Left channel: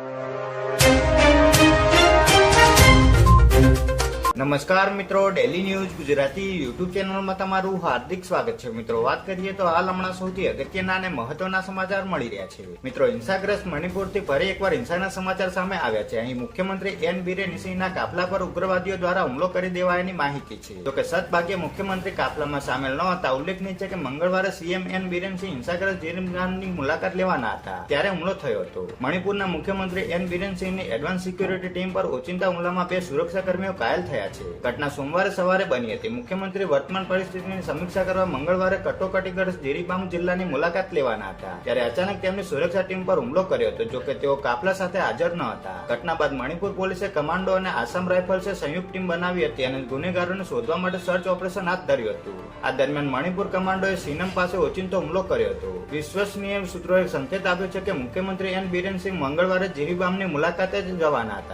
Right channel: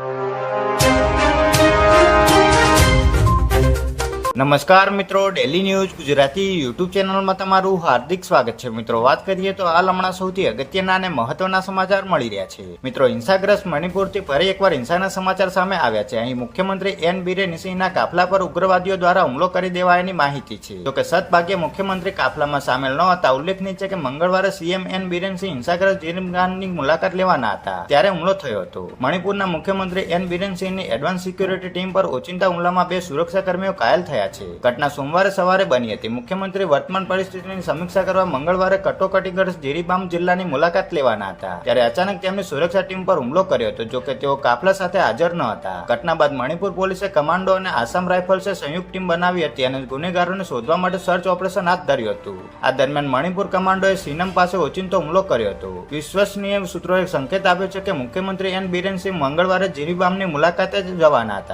you. નમસ્કાર મિત્રો daily news Gujarati YouTube ચેનલમાં તમારું હાર્દિક સ્વાગત છે. મિત્રો, વાત કરીએ તો હાલ હમણાં સૌથી અગત્યના અને મહત્વના સમાચાર મળી રહ્યા છે. મિત્રો, હિંસાગ્રસ્ત મણિપુરથી ફરી એકવાર હિંસાના સમાચાર સામે આવ્યા છે. અહીં મુખ્યમંત્રી એન બિરેન સિંહના કાફલા પર ઉગ્રવાદીઓ દ્વારા હુમલો કરી દેવાયાની માહિતી છે. જોકે સદભાગ્યે મુખ્યમંત્રી કાફલામાં સામેલ ન હતા. ઉલ્લેખનીય છે કે મંગળવારે સીએમ એન બિરેન સિંહ હિંસાગ્રસ્ત જીરમગાનની મુલાકાત લેવાના હતા, ત્યારે હુમલો થયો હતો. મણિપુરના મુખ્યમંત્રી એન બિરેન સિંહની એડવાન્સ સિક્યુરિટી ટીમ પર ઓચિંતા હુમલામાં બે સુરક્ષાકર્મીઓ ઘાયલ થયા છે. ઘટના સોમવારે સવારે બની હતી. મુખ્યમંત્રી વર્તમાન પરિસ્થિતિની સમીક્ષા કરવા મંગળવારે કટોકટીગઢ જીરીબામ જિલ્લાની મુલાકાત લેવાના હતા. ત્યારે અચાનક તેમની સુરક્ષા ટીમ પર હુમલો કર્યો હતો, જોકે તેઓ કાફલા સાથે હાજર ન હતા. ઘટના બાદ મણિપુર પોલીસે કમાન્ડો અને આસામ રાઇફલ્સે સંયુક્ત ટીમ બનાવી હતી અને ગુનેગારોને શોધવા માટે સર્ચ ઓપરેશન હાથ ધર્યું હતું. આ દરમિયાન મણિપુર કમાન્ડોએ સીનમ પાસે ઓચિંતો હુમલો કર્યો હતો. વિશ્વસનીય સૂત્રોએ સંકેત આપ્યો છે કે મુખ્યમંત્રી એન બિરેન સિંહ મંગળવારે જીરીબામની મુલાકાતે જ જવાના હતા.